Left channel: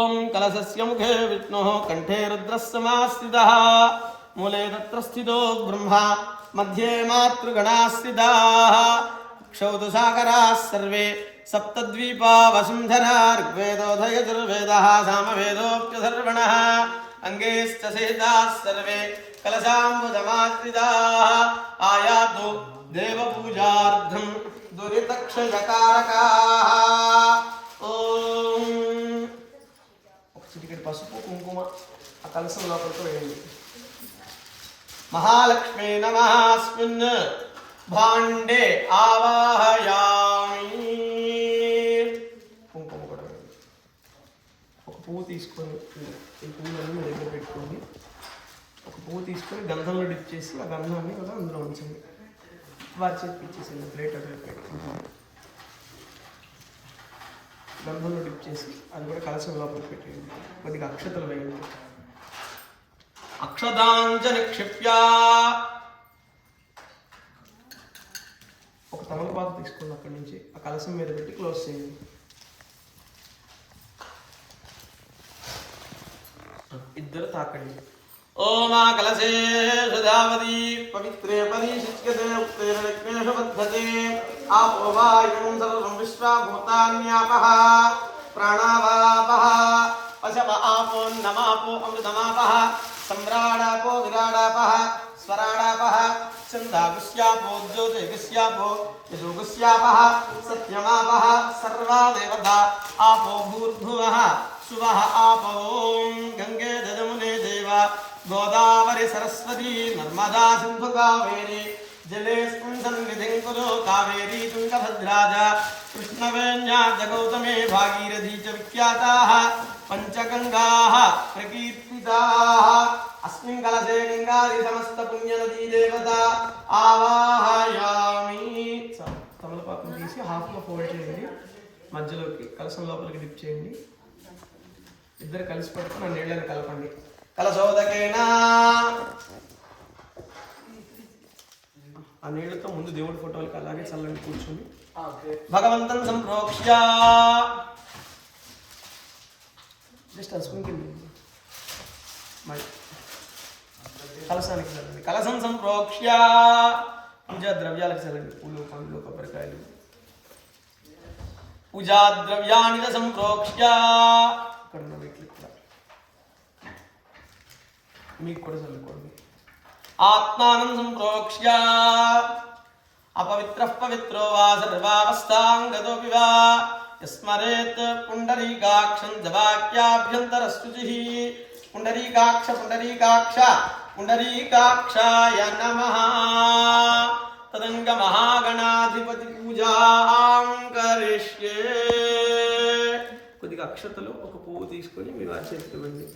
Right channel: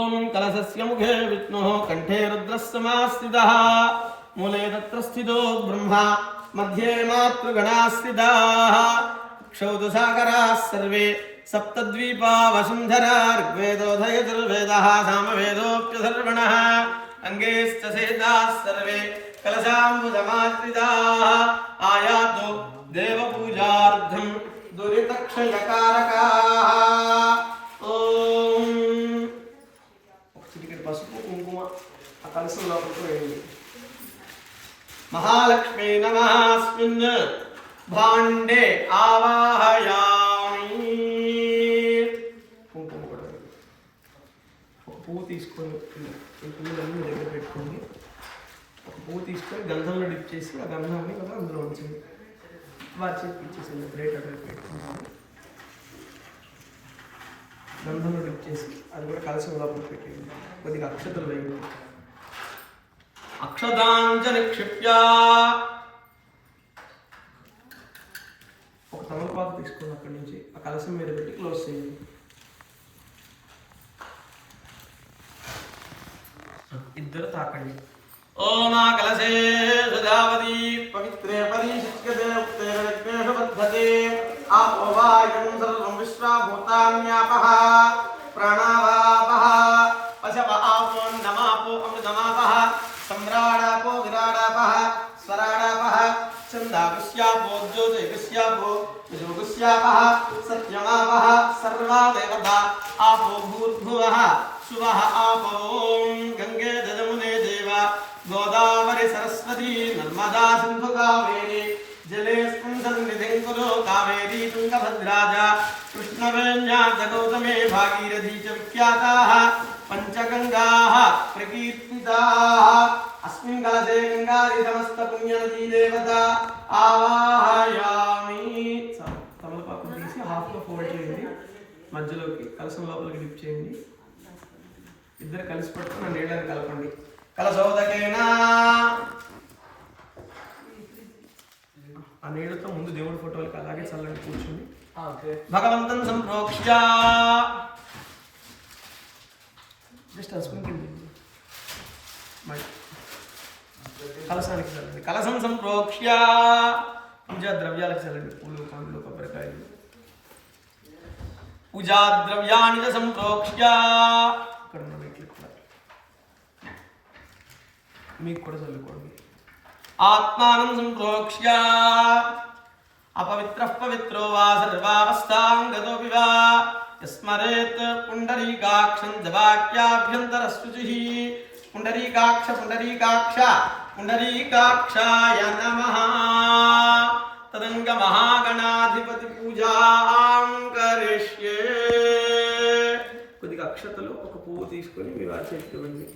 ओम कलशस्य मुखे विष्णुः कंठे रुद्रः समास्थितः मूले तत्र स्थितो ब्रह्मा मध्ये मातृगणाः स्थिताः क्षौतसागराः सर्वे सप्तद्वीपा वसुन्धरा ऋग्वेदोऽधयजुर्वेदः सामवेदोऽप्यथर्वणः अंगेश्च सेदाः सर्वे कलशाम्बुदमाश्रिताः आयातो देवपूजार्थं दुरितक्षयकारकाः పసుపు కుంకుమ ఆ కలసం లోపలికి వేయండి. మహాలక్ష్మీ నమః అస్మిన్ భాండే ఆవాహయామి. కుంకుమ కూడా వేయండి. ఒక పువ్వు తీసుకొని ఈ పువ్వులన్నీ మీ దగ్గర పెట్టుకోండి. ఒక పువ్వు తీసుకొని గంధంలో డిప్ చేసి ఆ గంధాన్ని కూడా అందులో ఉంచండి. వారి చేతికి ఇచ్చేసింది గ్రేట్ అక్కడ పెట్టుకుంటుంది. గంధంలో డిప్ చేసి అది కూడా కలసం లోపల పెట్టేయండి. కొద్దిగా అక్షతలు వేయండి. అక్షతాంచ నిక్షిప్య ఒక తమలపాకు తీసుకోండి. అక్కడి నుంచి ఆ కలసం మీద పెట్టి క్లోజ్ చేయండి. ఇద్దరు తాకండి. ఓం ఆ కలశే సుధావతి పవిత్రే పరిశుచ్యతే ఉక్తేషు వర్ధతే ఆపో వాయుం సర్వం విశ్వభూతాన్యాపః ప్రాణావాపః పశవ ఆపో నమాపో అమృతమాపః సమ్రాడాపో విరాడాపః స్వరాడాపః ఛందాగుస్యాపో జ్యోతిగుస్యాపో యజోగుస్యాపః సత్యమాపః సర్వా దేవతా ఆపో భూర్భువః శువః ఆపో గంగే యమునే దేవ గోదావరి సరస్వతి నర్మదా సింధు కావేరి జలేస్మిన్ సన్నిధిం కురు కావేరీ తుంగభద్రాజ కృష్ణవేణ్యా గౌతమే భాగీరథీ చ విఖ్యాతాః పంచగంగాః ప్రకీర్తితాః. అస్మిన్ కలశే గంగాది సమస్త పుణ్యనదీ దేవత ఆవాహయామి. తమలపాకు తీసి హాఫ్లో ఫోల్డ్ చేయండి. మధ్యలోకి కలశం లోపలికి డిప్ చేయండి. ఇద్దరు కలిసి పట్టుకుని ఆ నీళ్ళని కలపండి. కలశోదకేనా ఆ నీళ్ళతో ముందు దేవుడి ఫోటోలకి అలాగే చల్లండి. కూర్చుని భగవంతం సంప్రోక్ష్య జస్ట్ అస్మిన్కి కలశానికి చల్లండి. కలశం సంప్రోక్ష్య పూజా ద్రవ్యాలకు చల్లండి. పూలు పండ్లు కొబ్బరికాయలు పూజా ద్రవ్యాన్ని సంప్రోక్ష్య ఇక్కడ ఉన్న వ్యక్తులు కూడా మీకు కూడా చల్లుకోండి. ఆత్మానం సంప్రోక్ష్య అపవిత్రః పవిత్రో వా సర్వావస్థాంగతోపి వా యస్మరేత్ పుండరీకాక్షం జవాక్యాభ్యంతరశుచిః. పుండరీకాక్ష పుండరీకాక్ష పుండరీకాక్షాయ నమః. తదంగ మహాగణాధిపతి పూజాం కరిష్యే. కొద్దిగా అక్షతలు ఒక పువ్వు తీసుకొని మీ వారి చేతికి ఇవ్వండి.